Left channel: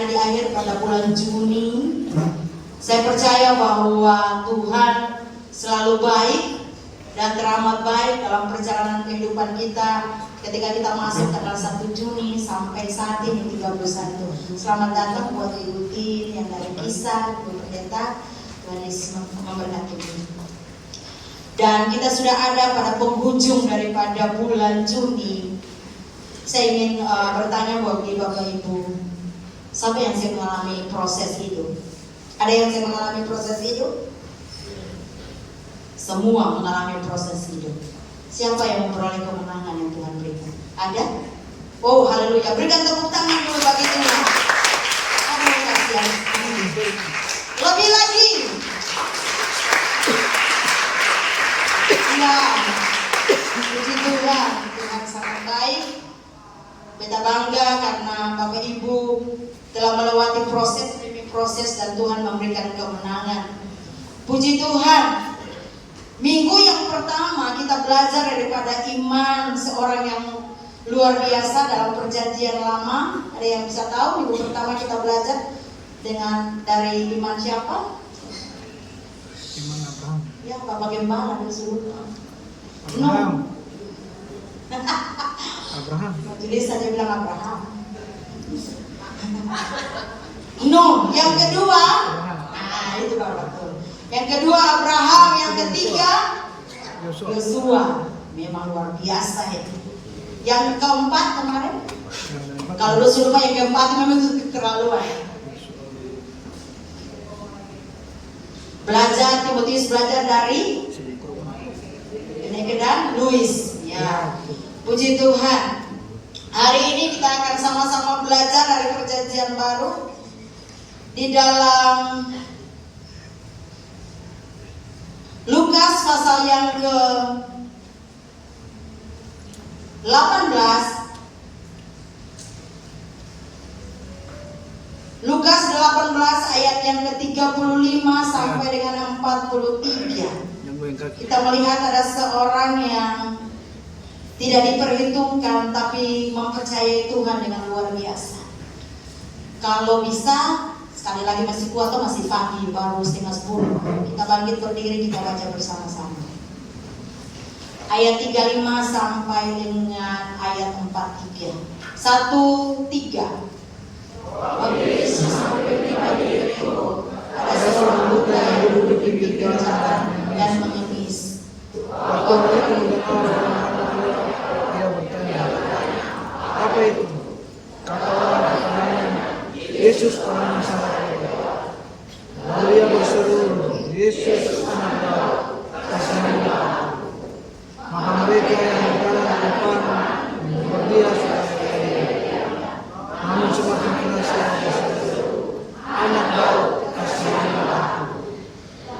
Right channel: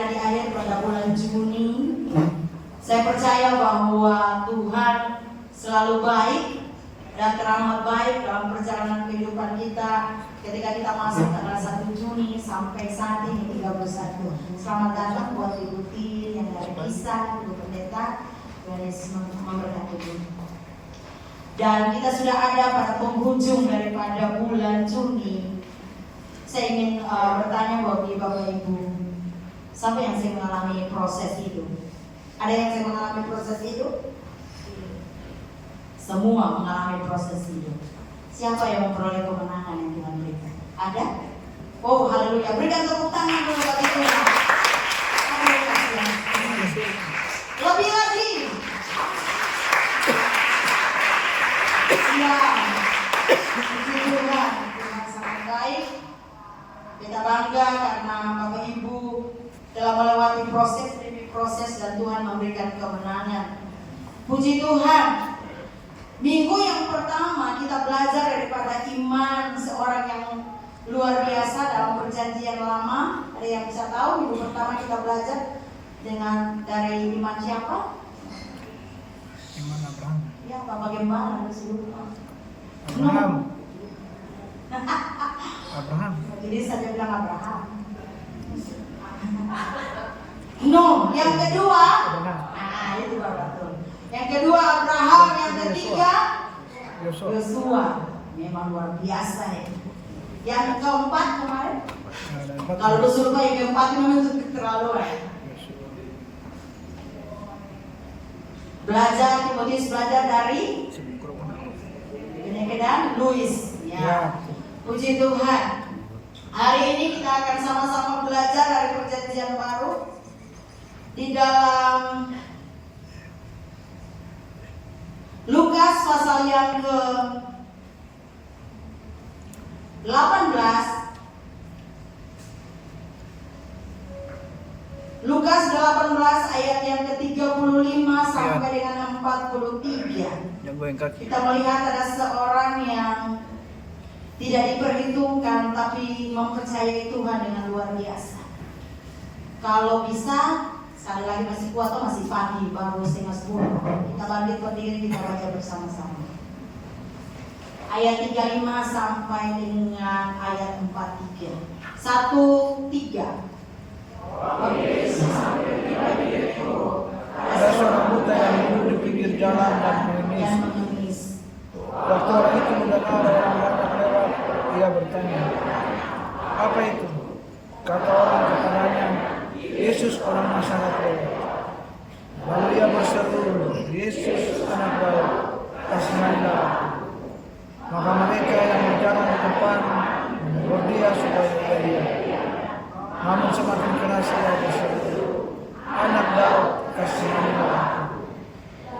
ada di akhir pada bulan Juni. Saya percaya bahwa Tuhan selalu baik dan teramat baik dalam perjalanan kehidupan kita ketika kita masuk tanggal 1 Juni sampai saat ini 31. Selamat datang buat Ibu Tin yang dari Kisah, Ibu Pendeta. Tuhan Yesus memberkati. Dan kita sudah ada pada penghujung daripada bulan Juni. Saya ingin bertanya bagi Bapak Ibu, siapa yang saya mengalami proses hidup? Ada yang saya mengalami proses hidup? Semua mengalami proses hidup. Siapa yang memperoleh kemenangan yang Tuhan berikan? Ada? Oh, haleluya. Berikan tepuk tangan dulu bagi Tuhan. Haleluya. Lebih lagi. Ya, puji Tuhan. Tuhan sangat baik. Kita bangga karena Bapak Ibu telah melewati proses demi proses dan Tuhan memberikan kemenangan. Puji Tuhan. Minggu yang pertama kita belajar daripada iman seorang yang luar biasa dalam perjanjian lama. Ada yang bisa tahu minggu pertama kita belajar dari iman siapa? Iman Abraham. Ya, Bapak Gembala disuruh. Abraham. Abraham. Jadi saya bilang Abraham. No, yang kedua. Itu betul. Yang kedua Abraham, yang ketiga Yosua. Memang luar biasa ya. Yang keempat kemarin? Kalau lu lupa yang keempat memang itu keterlaluan. Belajar, Timotius belajar dari dan Louis. Ya. Puji Tuhan. Hari ini kita akan sama-sama belajar dari perjanjian baru di dalam Lukas pasal yang ke-18. Lukas 18 ayat yang ke-35 sampai dengan 43. Kita melihat ada seorang yang tidak diperhitungkan tapi mempercayai Tuhan dengan luar biasa. Kalau bisa, sekali lagi masih kuat atau masih pagi, baru 9:30. Kita bangkit berdiri, kita baca bersama-sama. Ayat 35 sampai dengan ayat 43. 1, 3. Ada seorang buta yang duduk di pinggir jalan dan mengemis. Waktu orang itu mendengar orang banyak lewat, dia bertanya, "Apa itu?" Kata orang kepadanya, "Yesus orang Nazaret lewat." Lalu ia berseru, "Yesus anak Daud, kasihanilah aku." Maka mereka yang berjalan di depan menegur dia supaya ia diam. Namun semakin keras ia berseru, "Anak Daud, kasihanilah aku."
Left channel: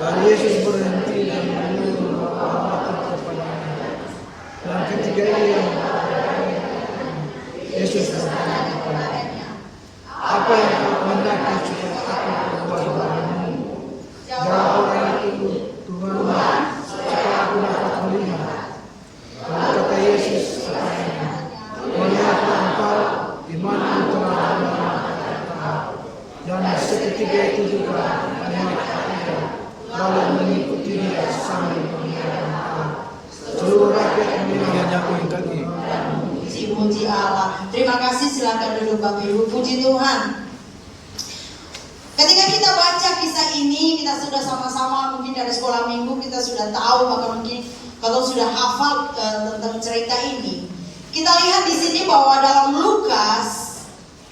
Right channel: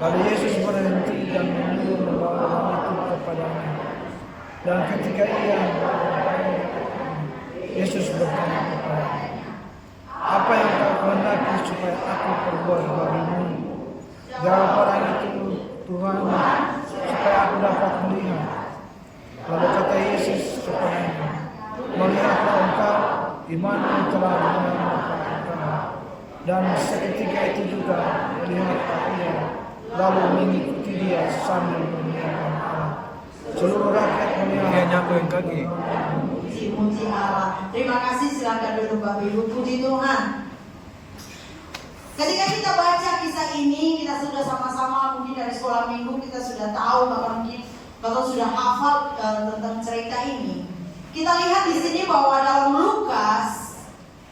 Lalu Yesus berhenti dan menyuruh membawa orang itu kepadanya. Dan ketika ia Yesus bertanya kepadanya, "Apa yang kau kehendaki supaya aku perbuat bagimu?" Jawab orang itu, "Tuhan, supaya aku dapat melihat." Lalu kata Yesus kepadanya, "Melihatlah engkau, imanmu telah menyelamatkan engkau." Dan seketika itu juga melihatlah ia, lalu mengikuti dia sambil memuliakan Allah. Seluruh rakyat melihat. Dia nyakuin kaki. Puji Allah. Terima kasih, silakan duduk Bapak Ibu. Puji Tuhan. Ketika kita baca kisah ini, kita sudah sama-sama mungkin dari sekolah minggu kita sudah tahu, bahkan mungkin kalau sudah hafal tentang cerita ini. Kita lihat di sini bahwa dalam Lukas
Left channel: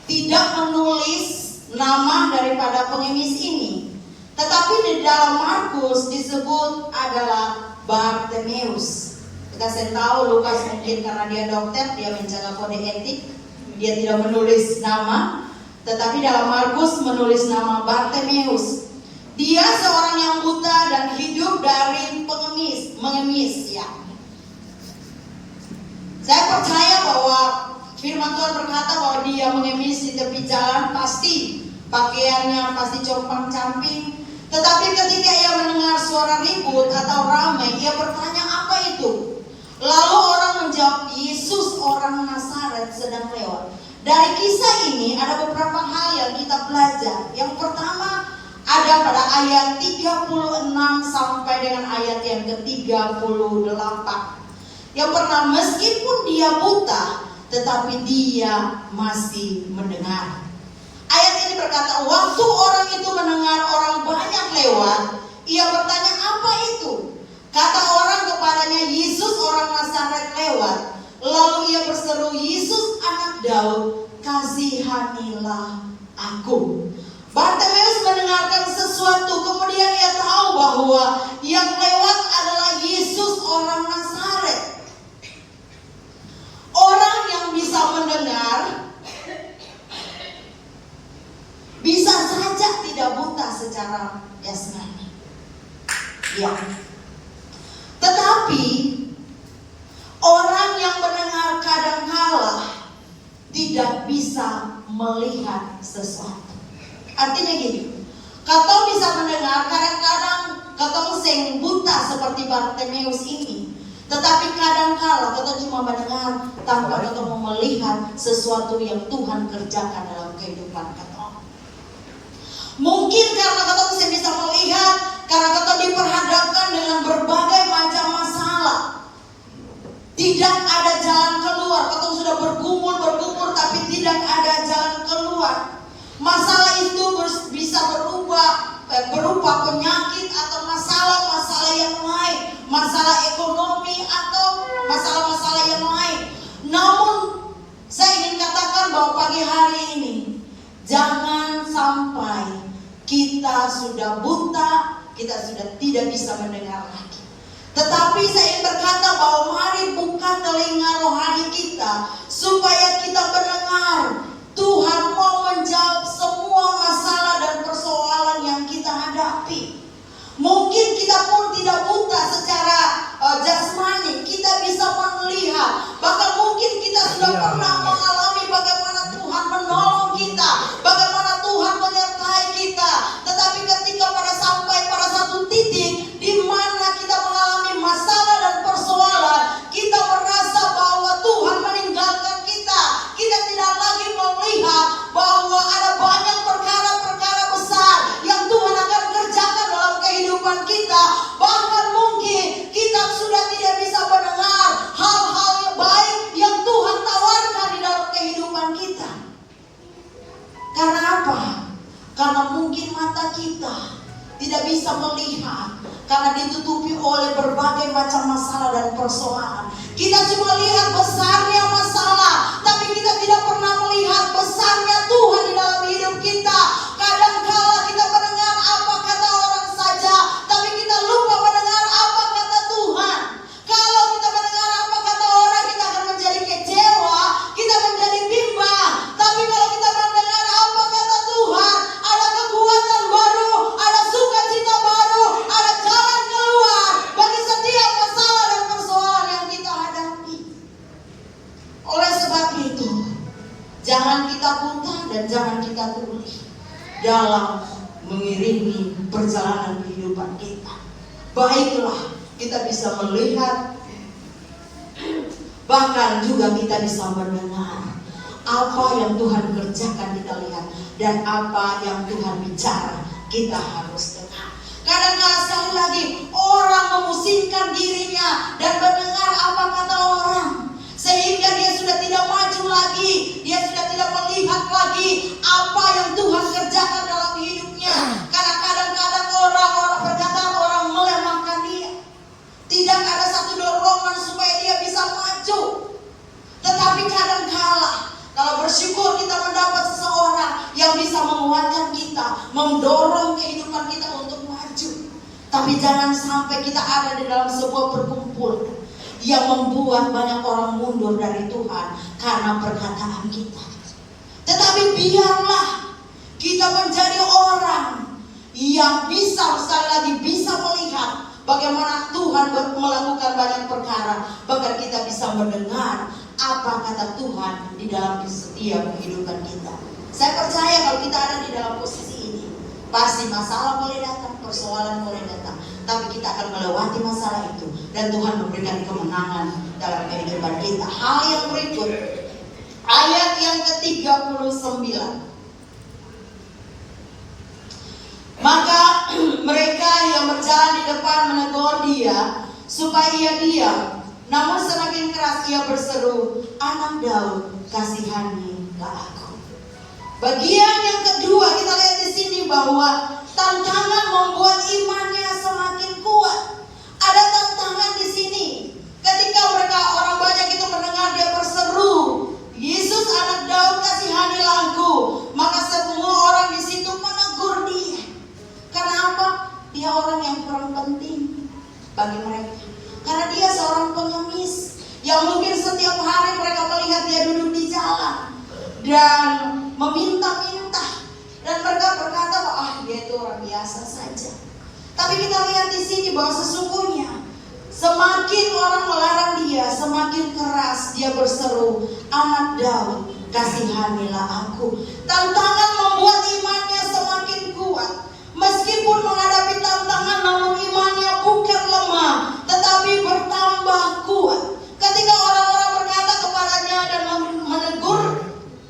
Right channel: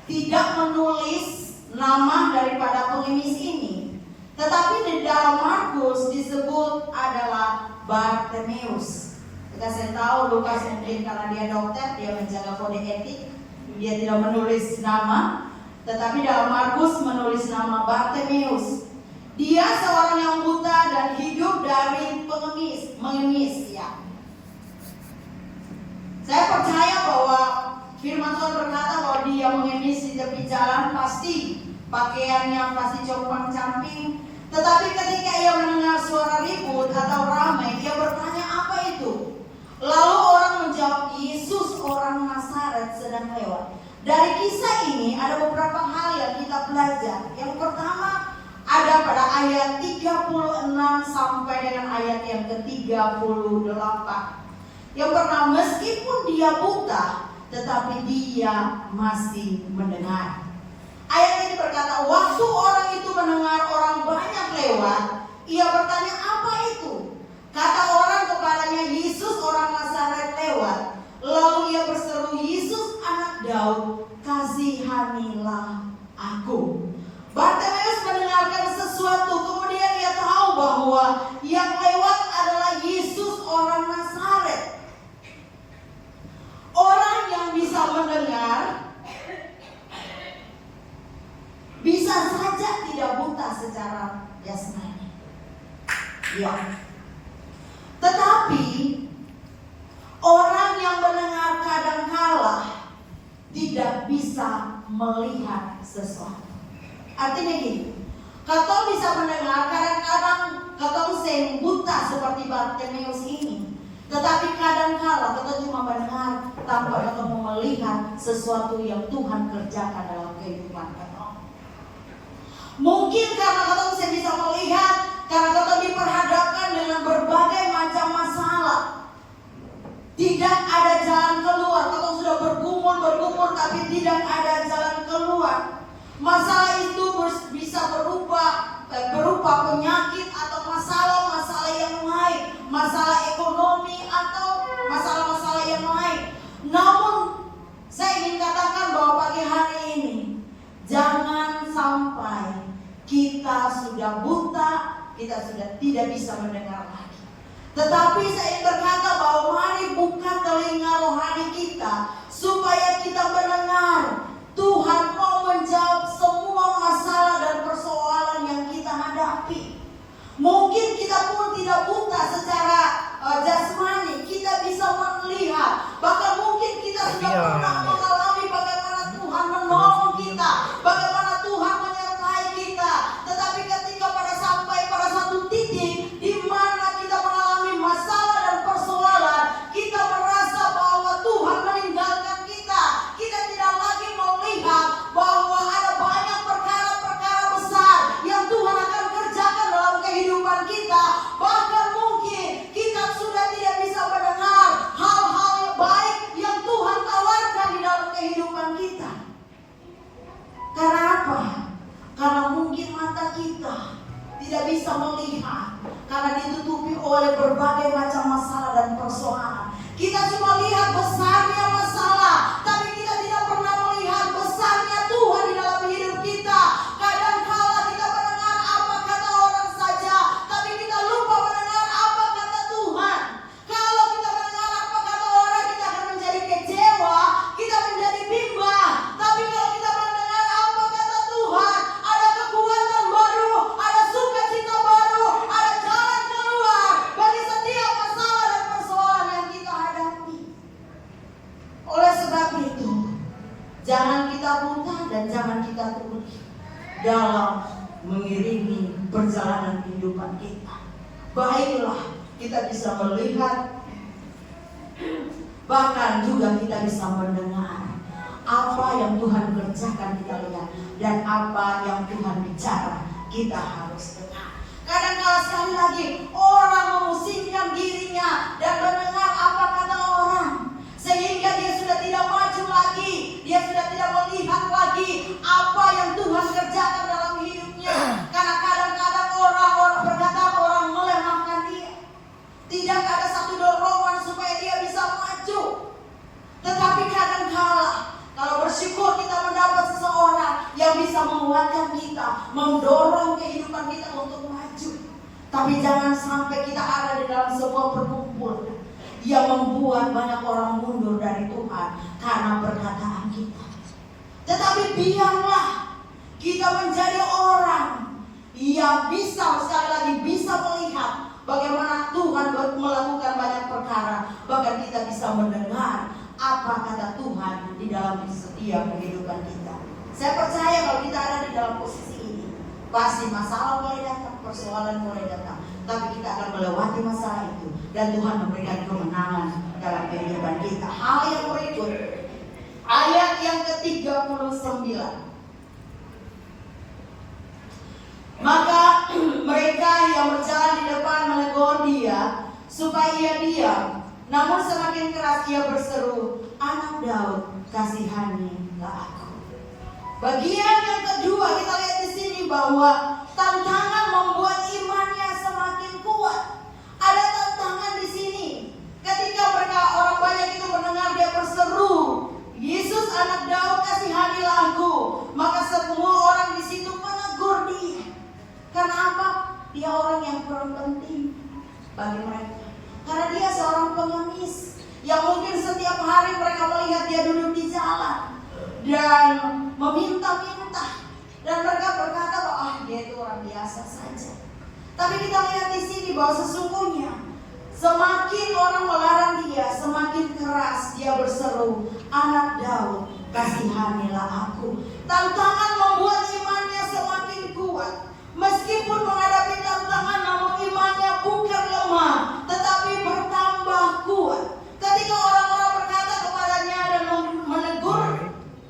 tidak menulis nama daripada pengemis ini, tetapi di dalam Markus disebut adalah Bartimeus. Kita sering tahu Lukas mungkin karena dia dokter, dia menjaga kode etik, dia tidak menulis nama, tetapi dalam Markus menulis nama Bartimeus. Dia seorang yang buta dan hidup dari mengemis ya. Saya percaya bahwa firman Tuhan berkata bahwa dia mengemis di tepi jalan, pasti pakaiannya pasti compang-camping. Tetapi ketika ia mendengar suara ribut atau ramai, ia bertanya, "Apa itu?" Lalu orang menjawab, "Yesus orang Nazaret sedang lewat." Dari kisah ini ada beberapa hal yang kita ayat 36 sampai dengan ayat yang ke-38. Yang pertama, meskipun dia buta, tetapi dia masih mendengar. Ayat ini berkata, waktu orang itu mendengar orang banyak lewat, ia bertanya, apa itu? Kata orang kepadanya, Yesus orang Nazaret lewat. Lalu ia berseru, Yesus anak Daud, kasihanilah aku. Bartimeus mendengarkan sesuatu, kemudian ia tahu bahwa yang lewat adalah Yesus orang Nazaret. Orang yang bisa mendengar bisa saja tidak buta secara jasmani. Ya. Tetapi orang yang mendengar kadangkala tidak bisa melihat sesuatu. Artinya gini, katong bisa mendengar, kadang-kadang katong sing buta seperti Bartimeus ini. Tetapi kadang-kala katong cuma mendengar tanpa katong melihat sesuatu yang Tuhan kerjakan dalam kehidupan katong. Mungkin karena katong sing bisa melihat, karena katong diperhadapkan dengan berbagai macam masalah. Tidak ada jalan keluar, katong sudah bergumul tapi tidak ada jalan keluar. Masalah itu bisa berupa penyakit atau masalah-masalah yang lain, masalah ekonomi atau masalah-masalah yang lain. Namun saya ingin katakan bahwa pagi hari ini jangan sampai kita sudah buta, kita sudah tidak bisa mendengar lagi. Tetapi saya ingin berkata bahwa mari buka telinga rohani kita supaya kita mendengar. Tuhan mau menjawab semua masalah dan persoalan yang kita hadapi. Mungkin kita pun tidak buta secara jasmani, kita bisa melihat. Bahkan mungkin kita sudah pernah mengalami bagaimana Tuhan menolong kita, bagaimana Tuhan menyertai kita. Tetapi ketika sampai pada satu titik di mana kita mengalami masalah dan persoalan, kita merasa bahwa Tuhan meninggalkan kita. Kita tidak lagi melihat bahwa ada banyak perkara-perkara besar yang Tuhan akan kerjakan dalam kehidupan kita. Bahkan mungkin kita sudah tidak bisa mendengar hal-hal yang baik yang Tuhan tawarkan di dalam kehidupan kita. Karena apa? Karena mungkin mata kita tidak bisa melihat, karena ditutupi oleh berbagai macam masalah dan persoalan. Kita cuma lihat besarnya masalah, tapi kita tidak pernah melihat besarnya Tuhan di dalam hidup kita. Kadang-kala kita mendengar apa kata orang saja, tapi kita lupa mendengar apa kata Tuhan. Kalau kita mendengar apa kata orang, kita akan menjadi kecewa, kita menjadi bimbang. Tapi kalau kita mendengar apa kata Tuhan, ada kekuatan baru, ada sukacita baru, ada jalan keluar bagi setiap masalah dan persoalan yang kita hadapi. Oleh sebab itu, jangan kita buta dan jangan kita tuli dalam mengiringi perjalanan kehidupan kita. Baiklah, kita bisa melihat, bahkan juga kita bisa mendengar apa yang Tuhan kerjakan, kita lihat, dan apa yang Tuhan bicara, kita harus dengar. Kadang-kadang sekali lagi orang memusingkan dirinya dan mendengar apa kata orang, sehingga dia sudah tidak maju lagi, dia sudah tidak melihat lagi apa yang Tuhan kerjakan dalam hidupnya. Karena kadang-kadang orang perkataan orang melemahkan dia. Tidak ada satu dorongan supaya dia bisa maju. Tetapi kadang-kala kalau bersyukur kita mendapat seseorang yang bisa menguatkan kita, mendorong kehidupan kita untuk maju. Tapi jangan sampai kita ada di dalam sebuah perkumpulan yang membuat banyak orang mundur dari Tuhan karena perkataan kita. Tetapi biarlah kita menjadi orang yang bisa, sekali lagi, bisa melihat bagaimana Tuhan melakukan banyak perkara. Bahkan kita bisa mendengar apa kata Tuhan di dalam setiap kehidupan kita. Saya percaya kalau kita ada di dalam posisi ini, pasti masalah boleh datang, persoalan boleh datang, tapi kita akan melewati masalah itu dan Tuhan memberikan kemenangan dalam kehidupan kita. Hal yang berikut, ayat yang ke-39. Maka berjalan di depan menegur dia supaya ia diam. Namun semakin keras ia berseru, "Anak Daud, kasihanilah aku." Bagian yang kedua kita lihat di sini bahwa tantangan membuat imannya semakin kuat. Ada tantangan di sini. Ketika orang banyak itu mendengar dia berseru, "Yesus anak Daud, kasihanilah aku," maka semua orang di situ menegur dia. Karena apa? Dia orang yang kurang penting bagi mereka. Karena dia seorang pengemis yang mungkin setiap hari mereka melihat dia duduk di jalan dan meminta-minta, dan mereka berkata bahwa dia itu orang biasa saja. Tapi kita lihat di sini bahwa sesungguhnya semakin orang melarang dia, semakin keras dia berseru, "Anak Daud, kasihanilah aku." Tantangan membuat imannya semakin kuat. Meskipun menghadapi tantangan, namun imannya bukan lemah, tetapi bertambah kuat. Ketika orang-orang berkata kepadanya dan menegur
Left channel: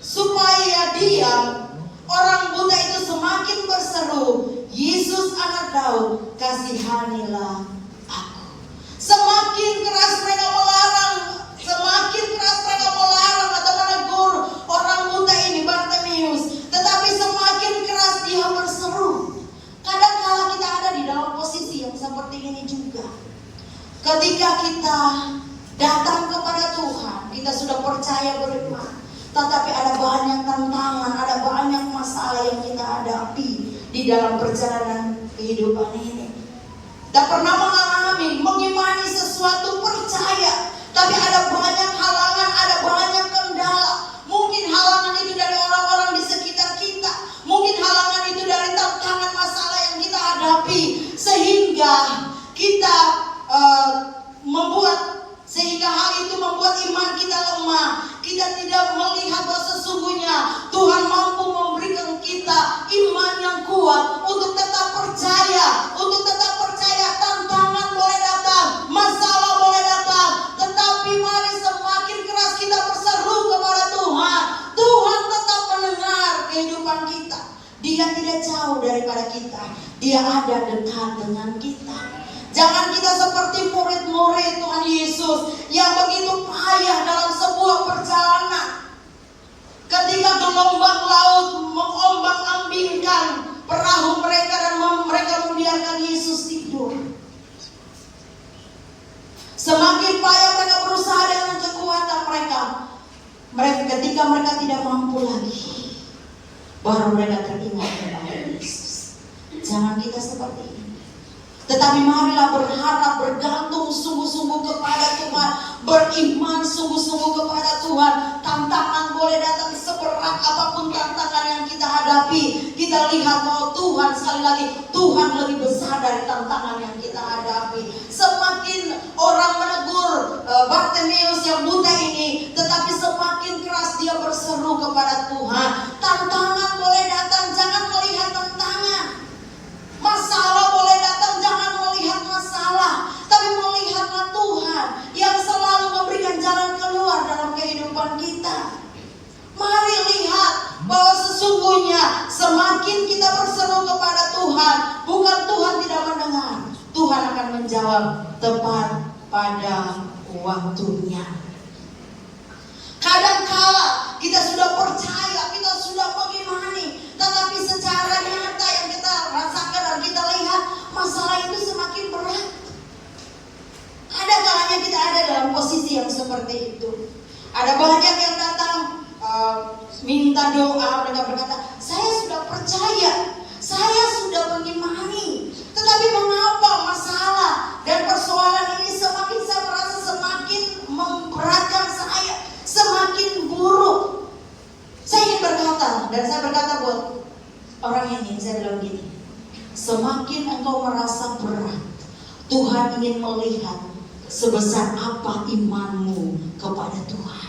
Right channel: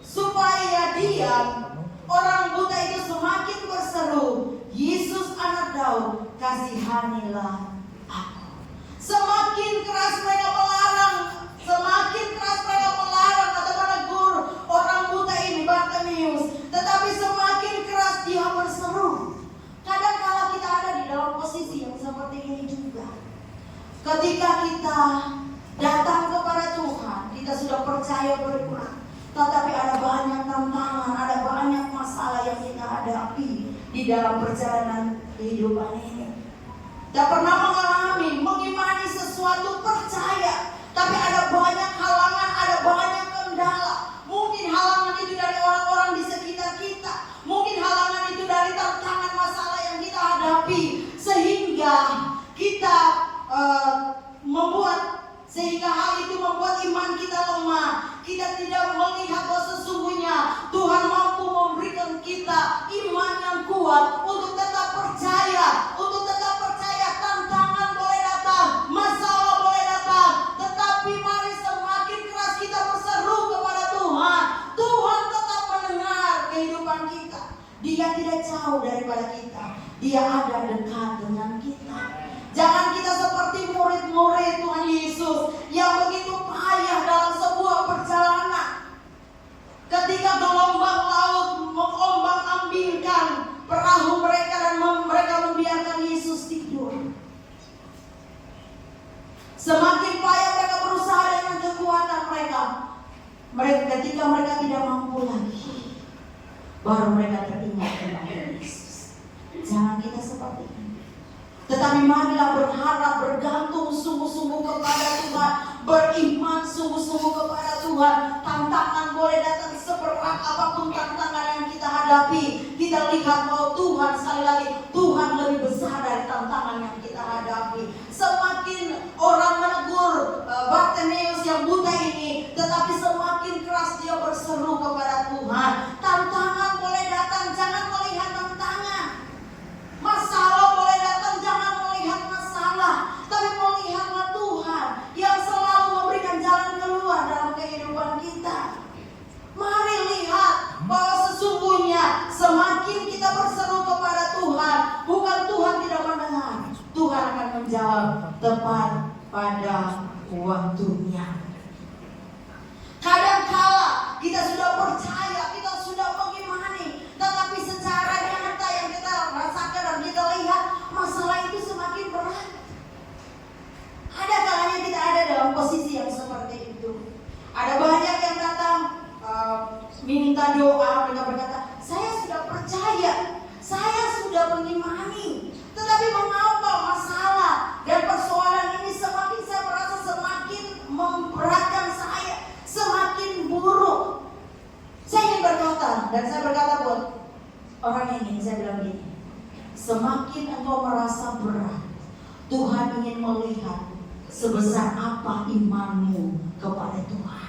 supaya diam, orang buta itu semakin berseru, "Yesus anak Daud, kasihanilah aku." Semakin keras mereka melarang, semakin keras mereka melarang atau menegur orang buta ini, Bartimeus, tetapi semakin keras dia berseru. Kadang-kala kita ada di dalam posisi yang seperti ini juga. Ketika kita datang kepada Tuhan, kita sudah percaya beriman, tetapi ada banyak tantangan, ada banyak masalah yang kita hadapi di dalam perjalanan kehidupan ini. Tak pernah mengalami, mengimani sesuatu, percaya, tapi ada banyak halangan, ada banyak kendala. Mungkin halangan itu dari orang-orang di sekitar kita, mungkin halangan itu dari tantangan masalah yang kita hadapi, sehingga kita sehingga hal itu membuat iman kita lemah. Kita tidak melihat bahwa sesungguhnya Tuhan mampu memberikan kita iman yang kuat untuk tetap percaya, tantangan boleh datang, masalah boleh datang, tetapi mari semakin keras kita berseru kepada Tuhan, Tuhan tetap mendengar kehidupan kita. Dia tidak jauh daripada kita, Dia ada dekat dengan kita. Jangan kita seperti murid-murid Tuhan Yesus yang begitu payah dalam sebuah perjalanan. Ketika gelombang laut mengombang-ambingkan perahu mereka dan mereka membiarkan Yesus tidur. Semakin payah mereka berusaha dengan kekuatan mereka. Ketika mereka tidak mampu lagi, baru mereka teringat tentang Yesus. Jangan kita seperti ini. Tetapi marilah berharap, bergantung sungguh-sungguh kepada Tuhan, beriman sungguh-sungguh kepada Tuhan. Tantangan boleh datang seberat apapun tantangan yang kita hadapi, kita lihat bahwa Tuhan, sekali lagi, Tuhan lebih besar dari tantangan yang kita hadapi. Semakin orang menegur Bartimeus yang buta ini, tetapi semakin keras dia berseru kepada Tuhan. Tantangan boleh datang, jangan melihat tantangan. Masalah boleh datang, jangan melihat masalah, tapi melihatlah Tuhan yang selalu memberikan jalan keluar dalam kehidupan kita. Mari lihat bahwa sesungguhnya semakin kita berseru kepada Tuhan, bukan Tuhan tidak mendengar, Tuhan akan menjawab tepat pada waktunya. Kadangkala kita sudah percaya, kita sudah mengimani, tetapi secara nyata yang kita rasakan dan kita lihat, masalah itu semakin berat. Ada kalanya kita ada dalam posisi yang seperti itu. Ada banyak yang datang minta doa, mereka berkata, "Saya sudah percaya, saya sudah mengimani, tetapi mengapa masalah dan persoalan ini semakin saya merasa semakin memberatkan saya, semakin buruk." Saya ingin berkata, dan saya berkata buat orang ini, saya bilang gini, semakin engkau merasa berat, Tuhan ingin melihat sebesar apa imanmu kepada Tuhan.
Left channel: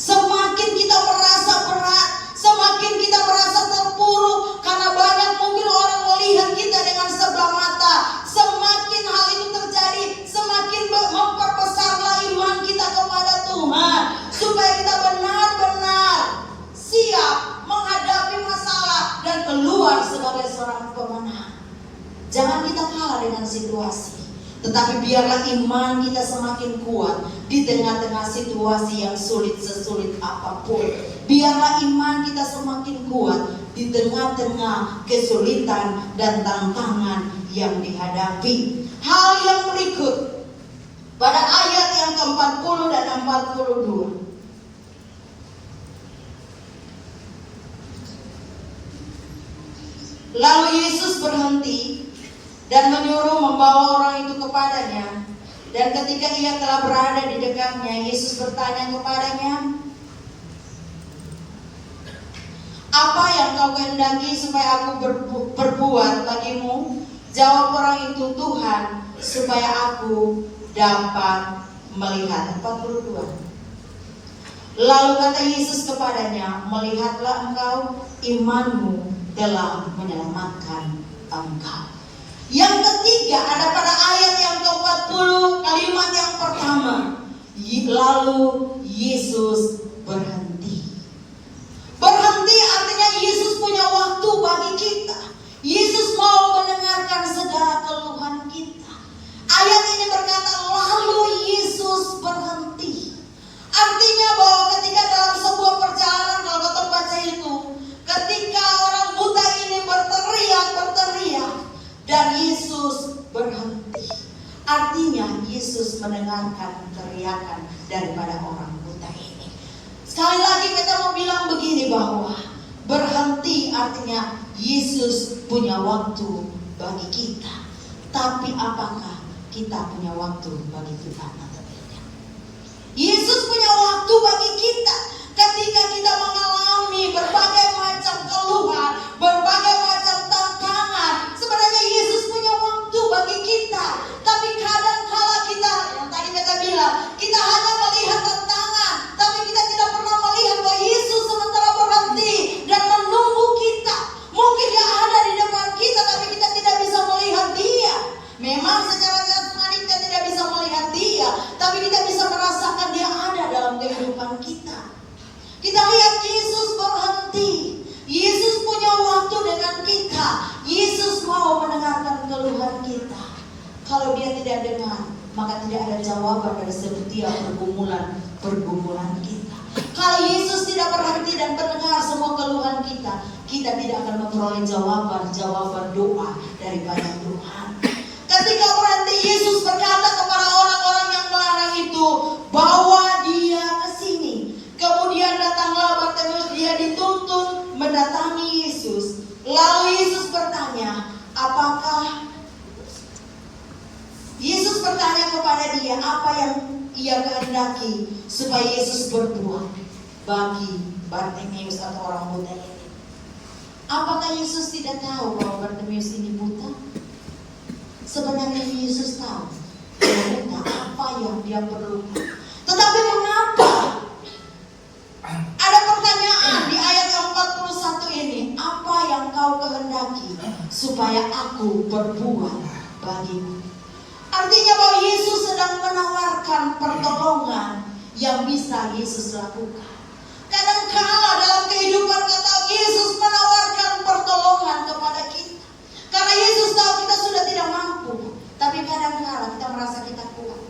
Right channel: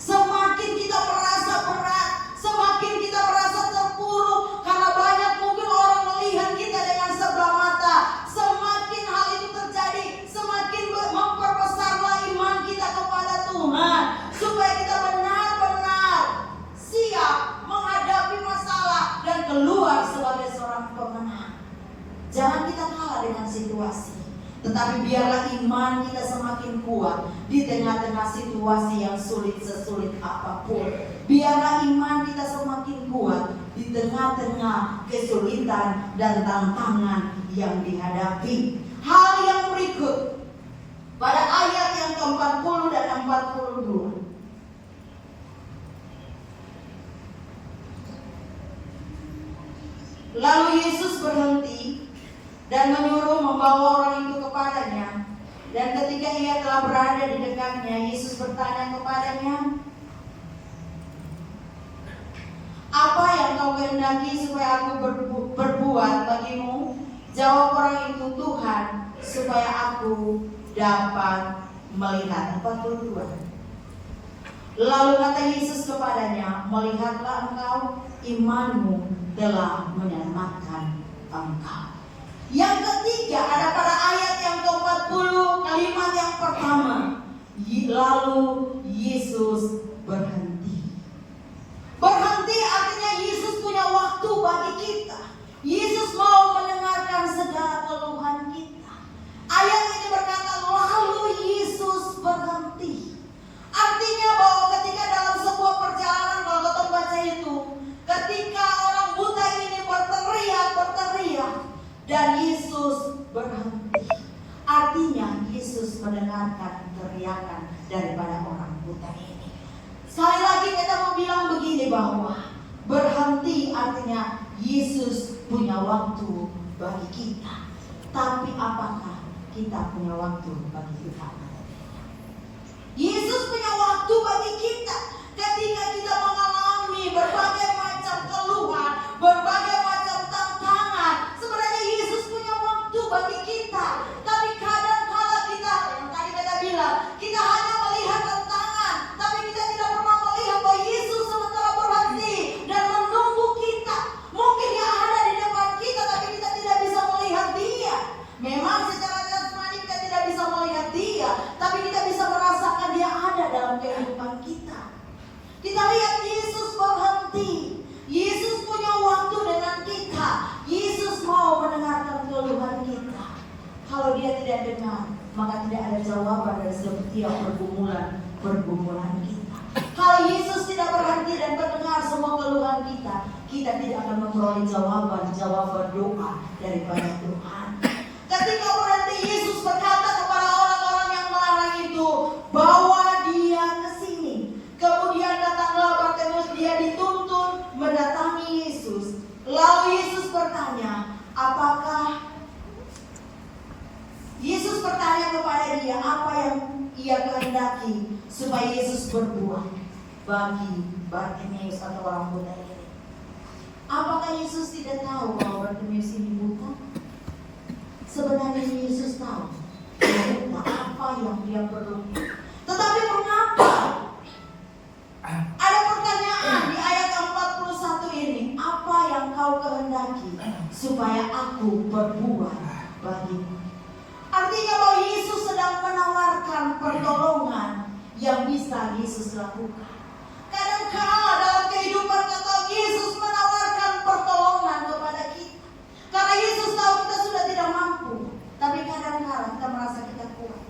Semakin kita merasa berat, semakin kita merasa terpuruk, karena banyak mungkin orang melihat kita dengan sebelah mata. Semakin hal itu terjadi, semakin memperbesarlah iman kita kepada Tuhan, supaya kita benar-benar siap menghadapi masalah dan keluar sebagai seorang pemenang. Jangan kita kalah dengan situasi, tetapi biarlah iman kita semakin kuat di tengah-tengah situasi yang sulit sesulit apapun. Biarlah iman kita semakin kuat di tengah-tengah kesulitan dan tantangan yang dihadapi. Hal yang berikut pada ayat yang ke-40 dan 42. Lalu Yesus berhenti dan menyuruh membawa orang itu kepadanya. Dan ketika ia telah berada di dekatnya, Yesus bertanya kepadanya, "Apa yang kau kehendaki supaya aku berbuat bagimu?" Jawab orang itu, "Tuhan, supaya aku dapat melihat." 42. Lalu kata Yesus kepadanya, "Melihatlah engkau, imanmu telah menyelamatkan engkau." Yang ketiga ada pada ayat yang ke-40, kalimat yang pertama, lalu Yesus berhenti. Berhenti artinya Yesus punya waktu bagi kita. Yesus mau mendengarkan segala keluhan kita. Ayat ini berkata, lalu Yesus berhenti. Artinya bahwa ketika dalam sebuah perjalanan, kalau kita baca itu, ketika orang buta ini berteriak, dan Yesus berhenti. Artinya Yesus mendengarkan teriakan daripada orang buta ini. Sekali lagi kita mau bilang begini, bahwa berhenti artinya Yesus punya waktu bagi kita. Tapi apakah kita punya waktu bagi Tuhan atau tidak? Yesus punya waktu bagi kita ketika kita mengalami berbagai macam keluhan, berbagai macam tantangan. Sebenarnya Yesus punya waktu bagi kita. Tapi kadang-kala kita, yang tadi kita bilang, kita hanya melihat tantangan, tapi kita tidak pernah melihat bahwa Yesus sementara berhenti dan menunggu kita. Mungkin Dia ada di depan kita, tapi kita tidak bisa melihat Dia. Memang secara jasmani kita tidak bisa melihat Dia, tapi kita bisa merasakan Dia ada dalam kehidupan kita. Kita lihat Yesus berhenti. Yesus punya waktu dengan kita. Yesus mau mendengarkan keluhan kita. Kalau Dia tidak dengar, maka tidak ada jawaban dari setiap pergumulan kita. Kalau Yesus tidak berhenti dan mendengar semua keluhan kita, kita tidak akan memperoleh jawaban doa daripada Tuhan. Ketika berhenti, Yesus berkata kepada orang-orang yang melarang itu, "Bawa dia ke sini." Kemudian datanglah Bartimeus, dia dituntun mendatangi Yesus. Lalu Yesus bertanya, Yesus bertanya kepada dia, apa yang ia kehendaki supaya Yesus berbuat bagi Bartimeus atau orang buta ini. Apakah Yesus tidak tahu bahwa Bartimeus ini buta? Sebenarnya Yesus tahu dia buta, apa yang dia perlukan. Tetapi mengapa? Ada pertanyaan di ayat 41 ini. Apa yang kau kehendaki supaya aku berbuat bagimu? Artinya bahwa Yesus sedang menawarkan pertolongan yang bisa Yesus lakukan. Kadang-kala dalam kehidupan kita Yesus menawarkan pertolongan kepada kita. Karena Yesus tahu kita sudah tidak mampu. Tapi kadang-kala kita merasa kita kuat.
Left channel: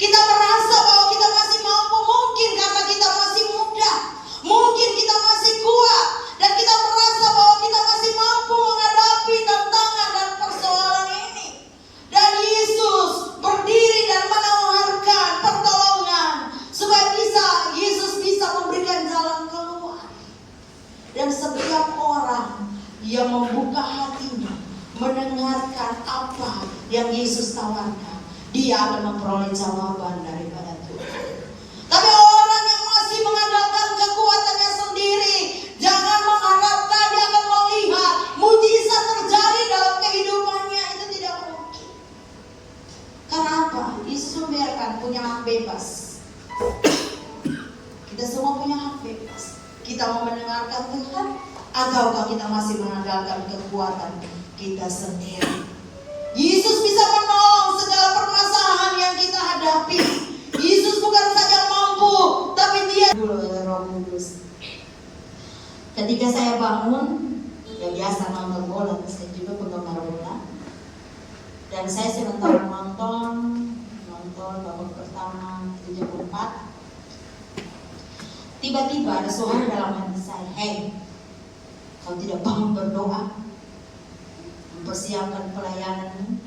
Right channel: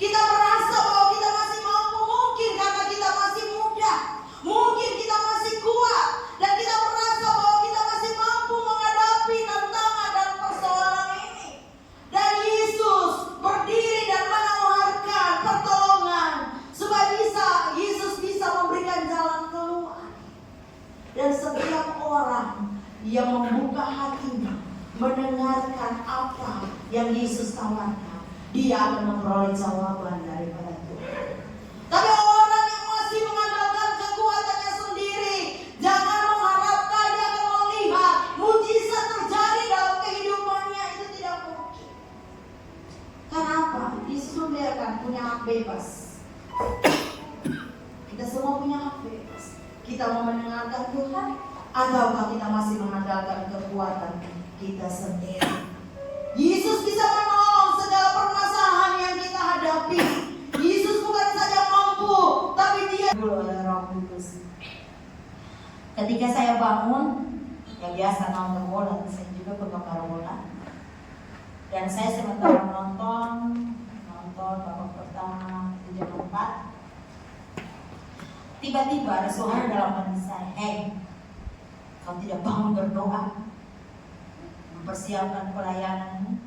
Kita merasa bahwa kita masih mampu, mungkin karena kita masih muda, mungkin kita masih kuat, dan kita merasa bahwa kita masih mampu menghadapi tantangan dan persoalan ini. Dan Yesus berdiri dan menawarkan pertolongan supaya Yesus bisa memberikan jalan keluar. Dan setiap orang yang membuka hatinya, mendengarkan apa yang Yesus tawarkan, dia akan memperoleh jawaban daripada Tuhan. Tapi orang yang masih mengandalkan kekuatannya sendiri, jangan mengharapkan dia akan melihat mujizat terjadi dalam kehidupannya. Itu tidak mungkin. Karena apa? Yesus membiarkan punya hak bebas. Kita semua punya hak bebas. Kita mau mendengarkan Tuhan, ataukah kita masih mengandalkan kekuatan kita sendiri? Yesus bisa menolong segala permasalahan yang kita hadapi. Yesus bukan saja mampu, tapi Dia Roh Kudus. Ketika saya bangun, yang biasa nonton bola, saya juga penggemar bola. Dan saya sementara nonton babak pertama itu jam 4. Tiba-tiba ada suara dalam hati saya, "Hei, kau tidak bangun berdoa, mempersiapkan pelayananmu?"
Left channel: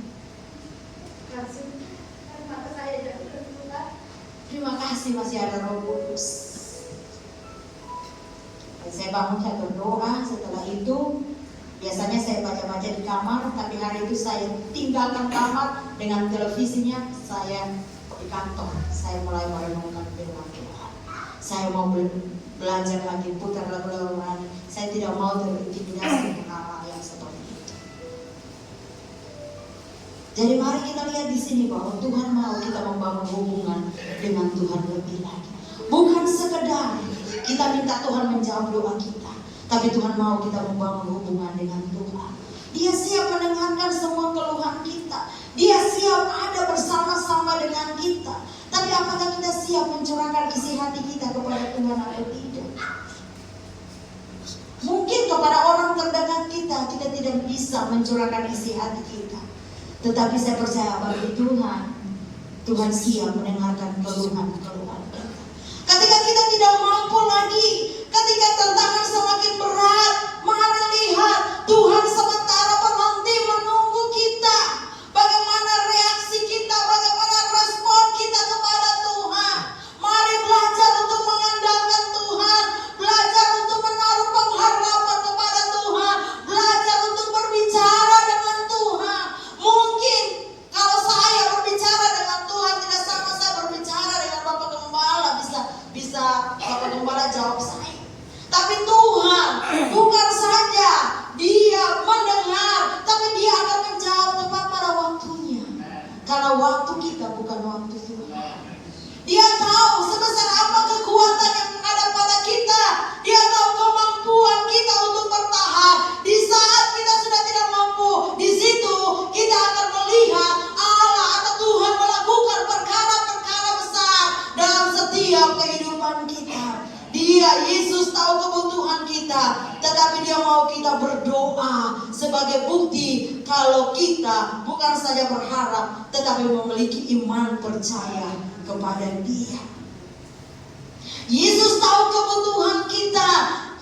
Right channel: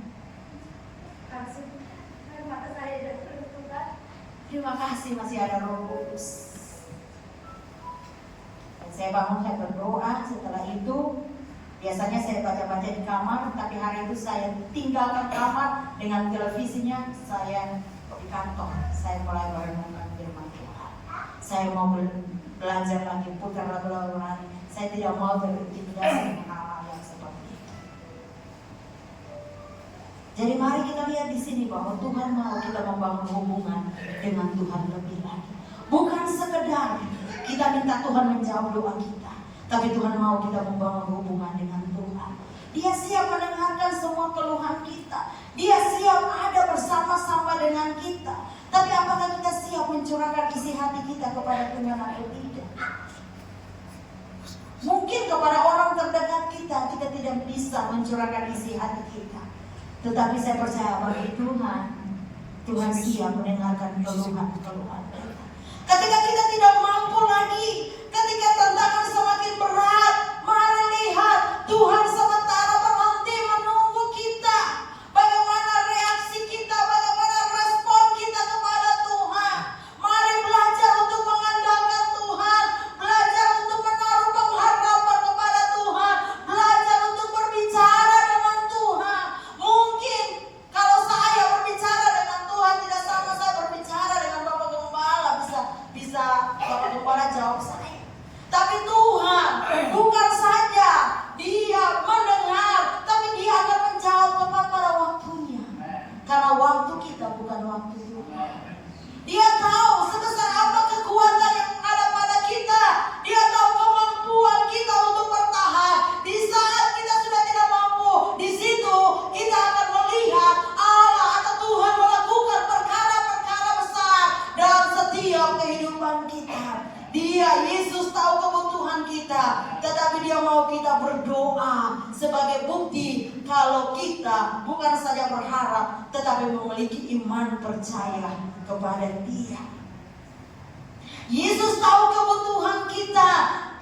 Terima kasih masih ada Roh Kudus. Dan saya bangun, saya berdoa. Setelah itu biasanya saya baca-baca di kamar, tapi hari itu saya tinggalkan kamar dengan televisinya, saya di kantor. Saya mulai merenungkan firman Tuhan. Saya mau belajar lagi, putar lagu-lagu lagi. Saya tidak mau terintimidasi dengan hal-hal yang seperti itu. Jadi mari kita lihat di sini bahwa Tuhan mau kita membangun hubungan dengan Tuhan lebih lagi. Bukan sekedar kita minta Tuhan menjawab doa kita, tapi Tuhan mau kita membangun hubungan dengan Tuhan. Dia siap mendengarkan semua keluhan kita. Dia siap ada bersama-sama dengan kita. Tapi apakah kita siap mencurahkan isi hati kita kepada Tuhan atau tidak? Mungkin kepada orang terdekat kita tidak bisa mencurahkan isi hati kita. Tetapi saya percaya bagi Tuhan siap mendengarkan keluhan-keluhan kita. Ketika kita tidak mampu lagi, ketika tantangan semakin berat, mari lihat Tuhan sementara berhenti menunggu kita. Bagaimana reaksi kita, bagaimana respon kita kepada Tuhan. Mari belajar untuk mengandalkan Tuhan, belajar untuk menaruh pengharapan kepada Tuhan, belajar untuk berbicara dengan Tuhan. Mungkin kalau saya berbicara dengan Tuhan tidak sama saya berbicara dengan Bapak Gembala, bisa Bapak Gembala jawab saya. Tapi Tuhan bukan saja Dia mendengar, tapi Dia akan menjawab tepat pada waktunya. Karena waktu kita bukan waktu Tuhan. Dia tahu sebesar apa kekuatan yang ada pada kita. Dia tahu kemampuan kita untuk bertahan. Di saat kita sudah tidak mampu, di situ kita akan melihat Allah atau Tuhan melakukan perkara-perkara besar dalam setiap kehidupan kita. Dia, Yesus tahu kebutuhan kita, tetapi Dia mau kita berdoa sebagai bukti kalau kita bukan saja berharap, tetapi memiliki iman percaya kepada Dia. Yesus tahu kebutuhan kita,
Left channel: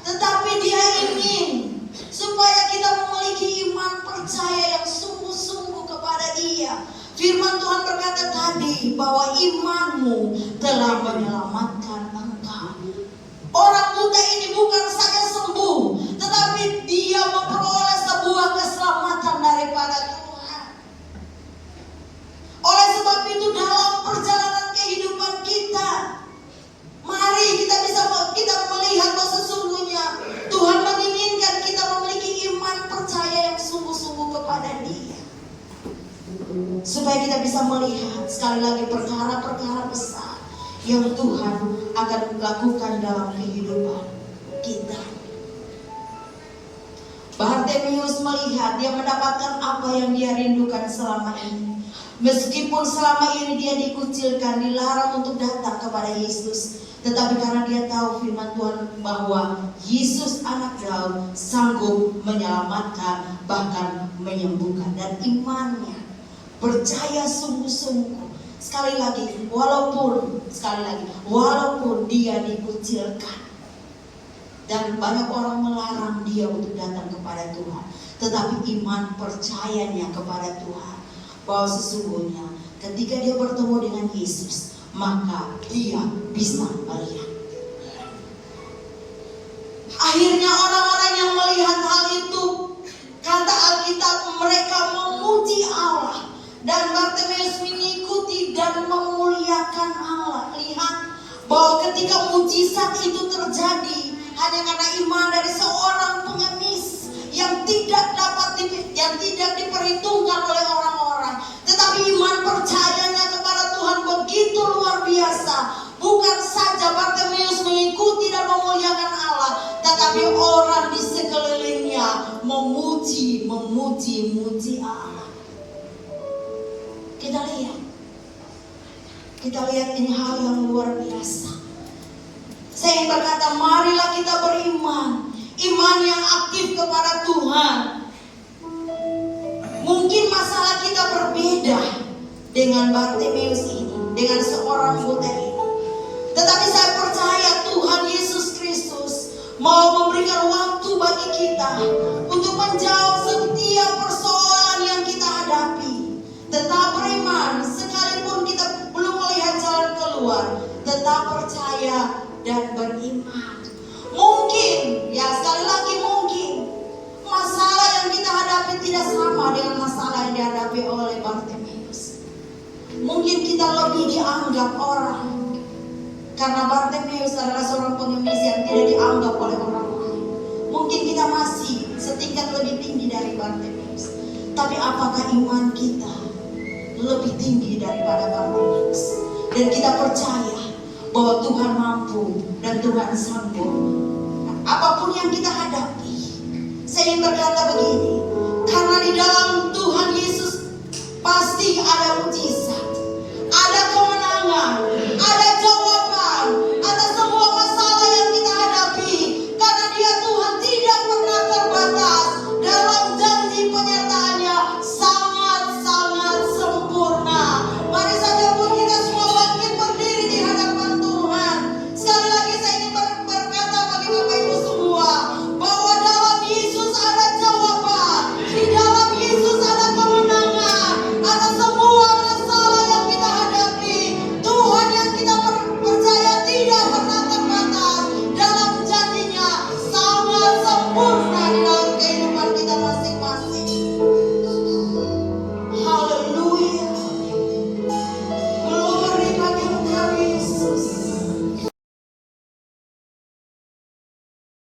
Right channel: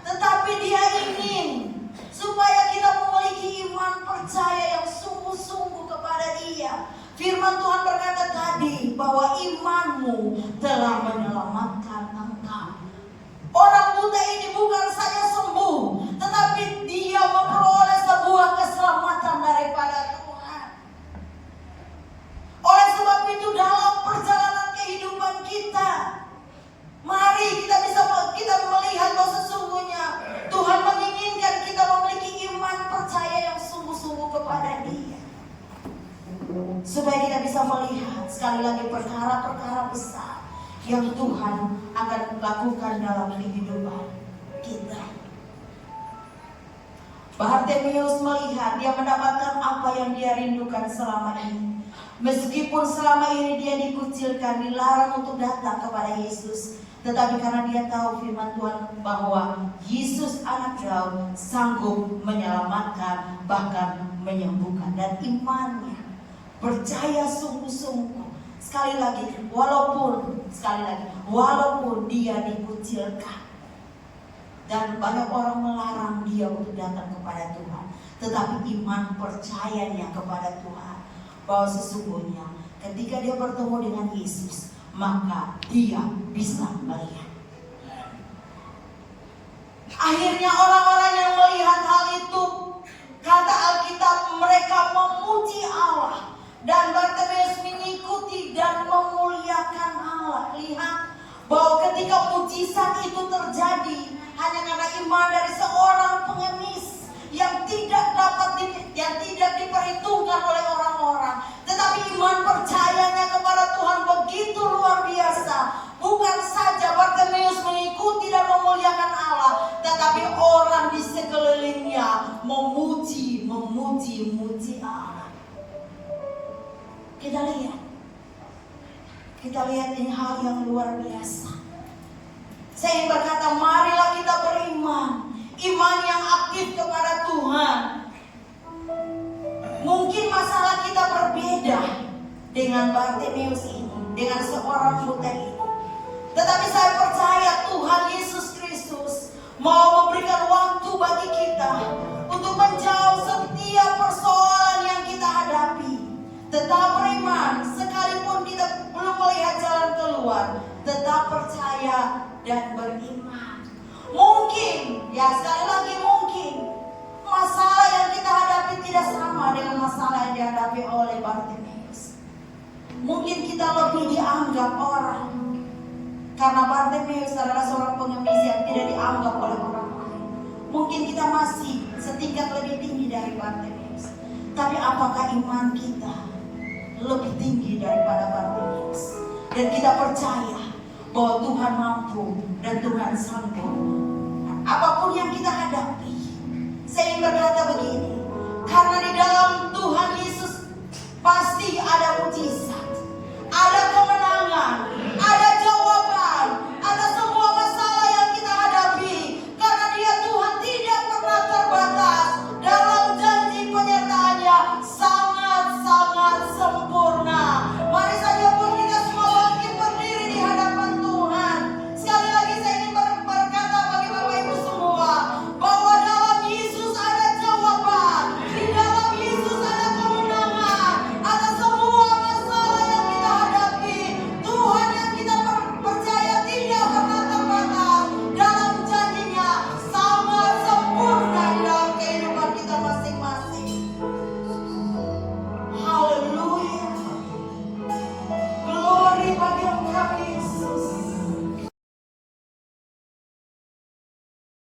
tetapi Dia ingin supaya kita memiliki iman percaya yang sungguh-sungguh kepada Dia. Firman Tuhan berkata tadi bahwa imanmu telah menyelamatkan engkau. Orang buta ini bukan saja sembuh, tetapi dia memperoleh sebuah keselamatan daripada Tuhan. Oleh sebab itu dalam perjalanan kehidupan kita, mari kita melihat bahwa sesungguhnya Tuhan menginginkan kita memiliki iman percaya yang sungguh-sungguh kepada Dia. Supaya kita bisa melihat sekali lagi perkara-perkara besar yang Tuhan akan lakukan dalam kehidupan kita. Bartimeus melihat, dia mendapatkan apa yang dia rindukan selama ini. Meskipun selama ini dia dikucilkan, dilarang untuk datang kepada Yesus, tetapi karena dia tahu firman Tuhan bahwa Yesus anak Daud sanggup menyelamatkan, bahkan menyembuhkan. Dan imannya, percaya sungguh-sungguh. Sekali lagi, walaupun dia dikucilkan dan banyak orang melarang dia untuk datang kepada Tuhan, tetapi iman percayanya kepada Tuhan bahwa sesungguhnya ketika dia bertemu dengan Yesus, maka dia bisa melihat. Akhirnya orang-orang yang melihat hal itu, kata Alkitab, mereka memuji Allah. Dan Bartimeus mengikuti dan memuliakan Allah. Lihat bahwa ketika mujizat itu terjadi hanya karena iman dari seorang pengemis yang tidak diperhitungkan oleh orang-orang, tetapi iman percayanya kepada Tuhan begitu luar biasa. Bukan saja Bartimeus mengikuti dan memuliakan Allah, tetapi orang di sekelilingnya memuji Allah. Kita lihat ini hal yang luar biasa. Saya ingin berkata, marilah kita beriman. iman yang aktif kepada Tuhan. Mungkin masalah kita berbeda dengan Bartimeus ini, dengan seorang buta ini. Tetapi saya percaya Tuhan Yesus Kristus mau memberikan waktu bagi kita untuk menjawab setiap persoalan yang kita hadapi. Tetap beriman, sekalipun kita belum melihat jalan keluar, tetap percaya dan beriman. Mungkin, ya sekali lagi mungkin, masalah yang kita hadapi tidak sama dengan masalah yang dihadapi oleh Bartimeus. Mungkin kita lebih dianggap orang, karena Bartimeus adalah seorang pengemis yang tidak dianggap oleh orang lain. Mungkin kita masih setingkat lebih tinggi dari Bartimeus. Tapi apakah iman kita lebih tinggi daripada Bartimeus? Dan kita percaya bahwa Tuhan mampu dan Tuhan sanggup. Nah, apapun yang kita hadapi, saya ingin berkata begini, karena di dalam Tuhan Yesus pasti ada mujizat, ada kemenangan,